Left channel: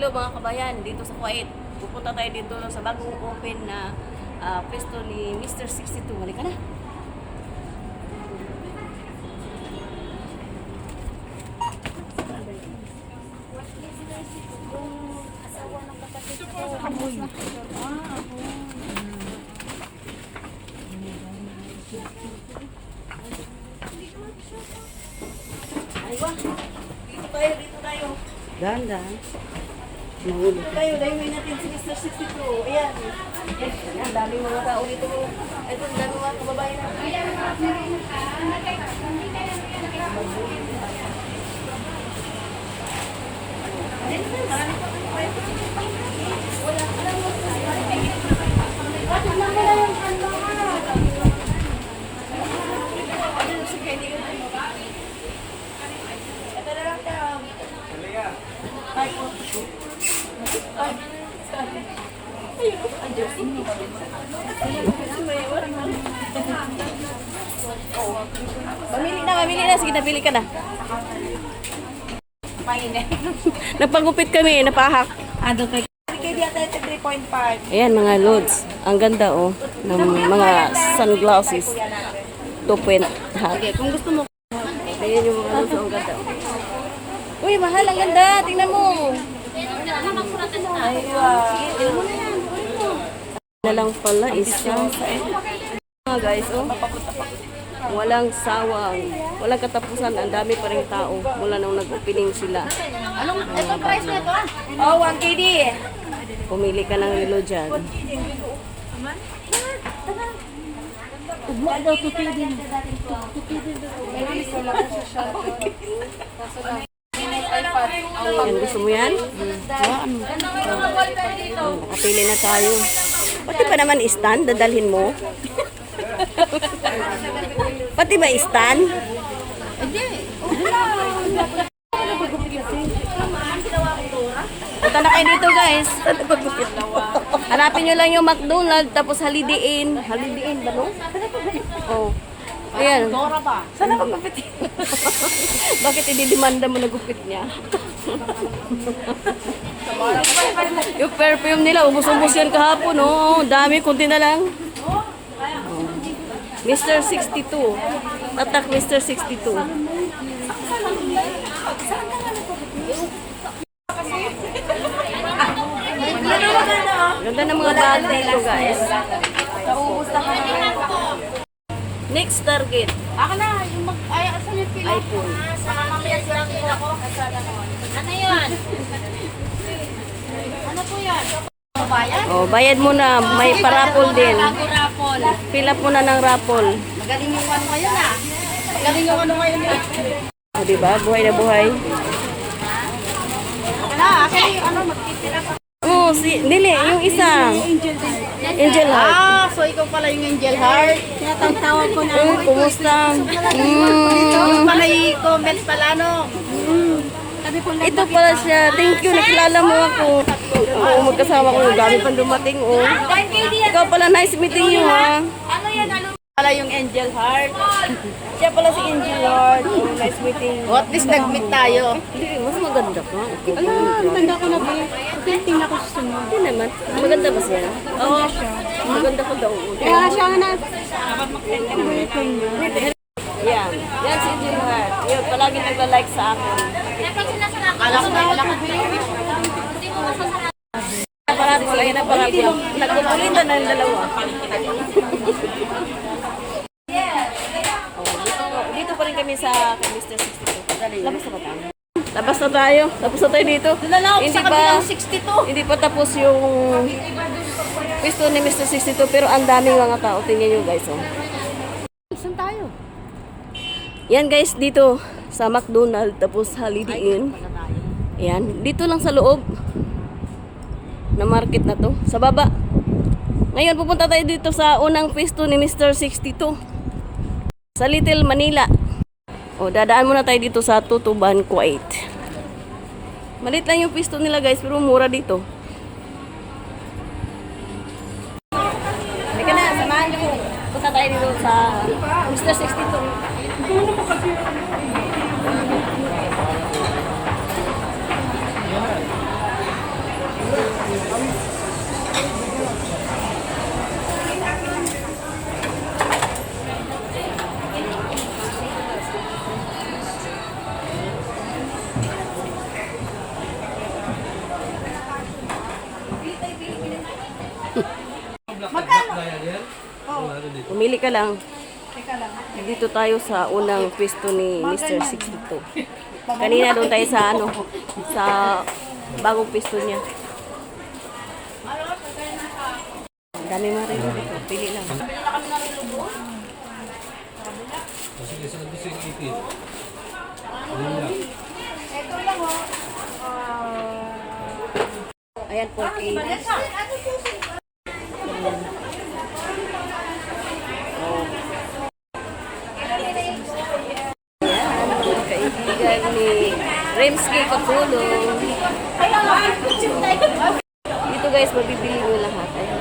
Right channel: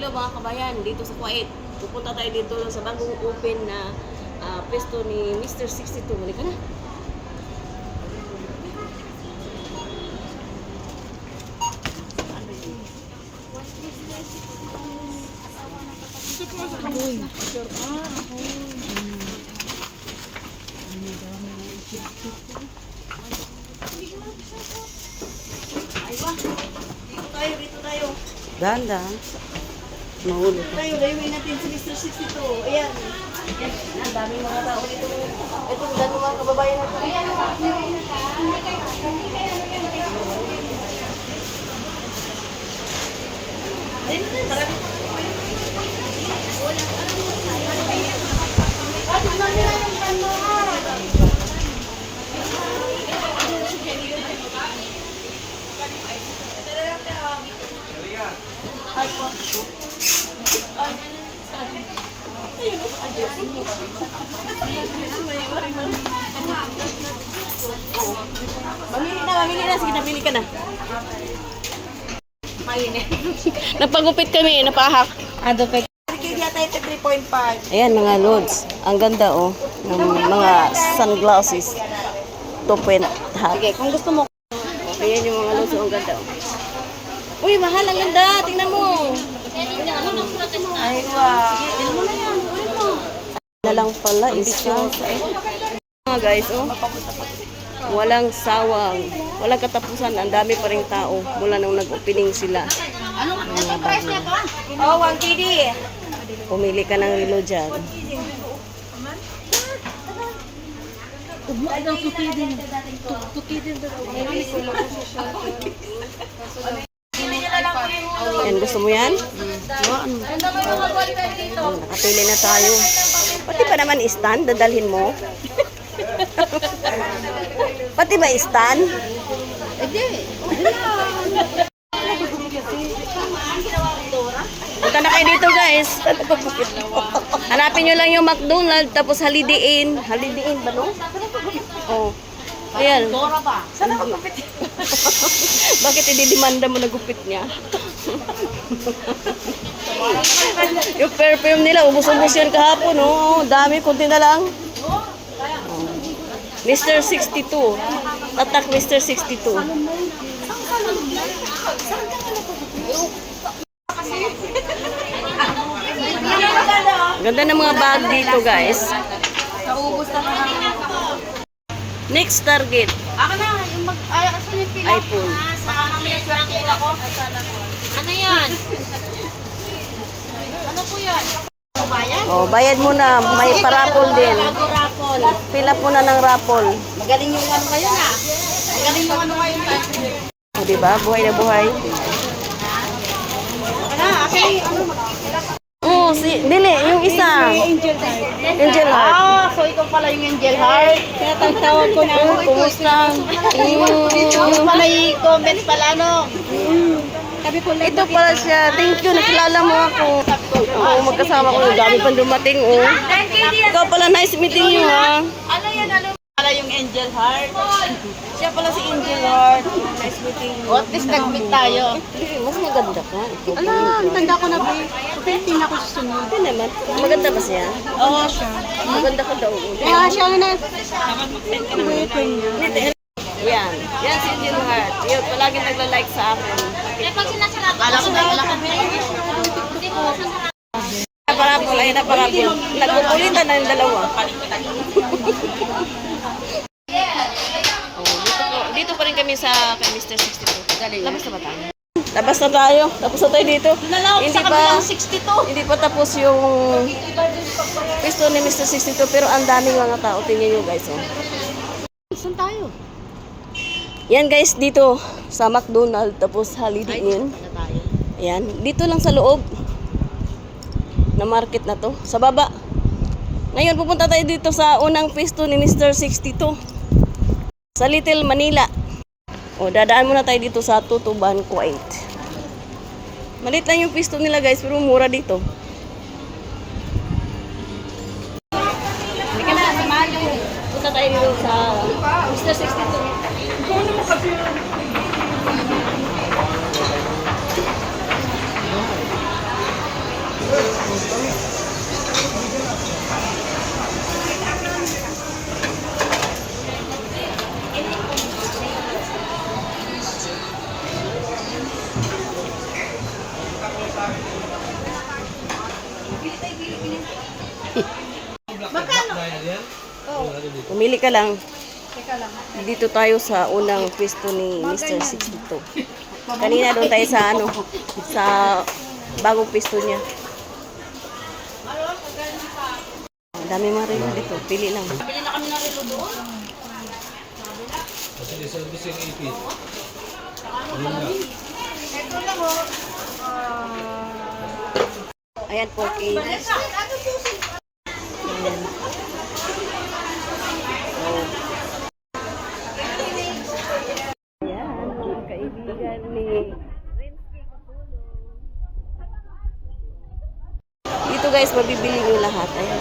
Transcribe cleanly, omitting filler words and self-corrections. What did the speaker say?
Hello mga kabayan, dito sa Kuwait. Pupunta tayo dito sa bagong open na pwesto ni Mr. 62. Halika na. Aywa, dito tayo. Dahan-dahan. Mahulog ka. Tayo, layuin natin si Mr. 62. Ayan. Ang daming mga tao dito. Ito, ang daming mga kababayan natin. Mamili na. Sige, napili ka na. Nagpagupit kami, napahak. Advocate. Kaya tayo 3.5. Ayan, mga loads. Ang ganda, oh. Ng mga sunglasses. 2-point hat. Okay, kung gusto mo. Ayan yung mga loads, oh. Ang ganda, oh. Uy, mahal, ang ganda. Tingnan mo. Ay, wow. Sige, mo na yan. Na lang pala, isa. Mga guys, oh. Walang sawang. Walang katapusan. Ang dami pa rin tao. Mula nung nag-opening sila. Ito price niya to? Oh, 1 KD. Pumili ka ng relo dyan. Ugma daw, 2 KD. 2 KD daw. Yan, gusto mo yan? Ano? Nakapili na tayo. Pati ba naman stand? Dadalhin mo? Pati ba stand? Hindi. Punta na kayo dito, guys. Hanapin nyo lang yung McDonald's, tapos Holiday Inn. Holiday Inn ba, no? Oh. Ayan. Dora ba? Sana magupit. Bakit ididemanda mo na gupit niya? Yung perfume nila, ubus-ubus yan kahapon, no? Dami, kunti na lang. Mr. 62. Attack Mr. 62. Ganda ng mga bag dito, guys. Naubos na ka na. Next target, Ako na, yung asan yung pila? iPhone. Baka mamaya swerte ako. Ano yan? Ano po yan? Bayan? Oh, bayad mo na. May parapol din. Rapol. Fill up mo na ng rapol. Magaling yung ano ngayon ah. Magaling yung ano ngayon. O, diba? Buhay na buhay. Wala, actually, ano, Oh, dili, yung isa. Angel Heart. ah, so ikaw pala yung Angel Heart. Tinatawag ko na. Kumusta? Yung pala i-comment pala, no? Ito pala siya. Thank you, nakilala mo ako. Oo, magkasama ko. Dami pang dumating, oh. Ikaw pala, nice meeting you, ha? Ano yan, ano? Pala yung Angel Heart. Siya pala si Angel Heart. Oh, nice meeting you. O, at least nag-meet tayo. Mas maganda ka. Ala, tanda ko na ba? Painting na ako susunod. Hindi naman. Maganda ba siya? Oo, siya. Maganda ka daw. Kaya siya na. Boyfriend niya. Yan. Yan si Angel Heart. Yun, palaging nagla-like sa akin. Kala ko na wala ka. Parapol, ayun na parapol. Nagpupulitan na yung dalawa. Oh, dito pa rin kami sa kay Mr. 62. Labas na ba tayo? Labas na tayo. Tapos na tayo dito. Hindi pa tapos yung pwesto ni Mr. 62 pero ang daming mga tao. Tingnan nyo guys. Oh. Saan tayo? Yan guys, dito sa McDonald's tapos Holiday Inn. Yan, dito lang sa loob na market na to. Sa baba. Ngayon pupunta tayo dito sa unang pwesto ni Mr. 62. Sa Little Manila. O, dadaan muna tayo dito sa Tutuban, Kuwait. Malit lang yung pwesto nila guys, pero mura dito. Halika na, samahan mo. Punta tayo dito sa Mr. 62. Ikaw na mo kasi. Pumili ka lang. Dito tayo sa unang pwesto ni Mr. 62. Kanina doon tayo sa sa bagong pwesto niya. Ang dami mga relo dito. Pili lang. Sige, servicing 80. Ayan, 4K. Ayan. Oh. Ayan, mga kaibigan ni Remsky Katulong. Dito guys, mabibili nyo lahat. Ayan.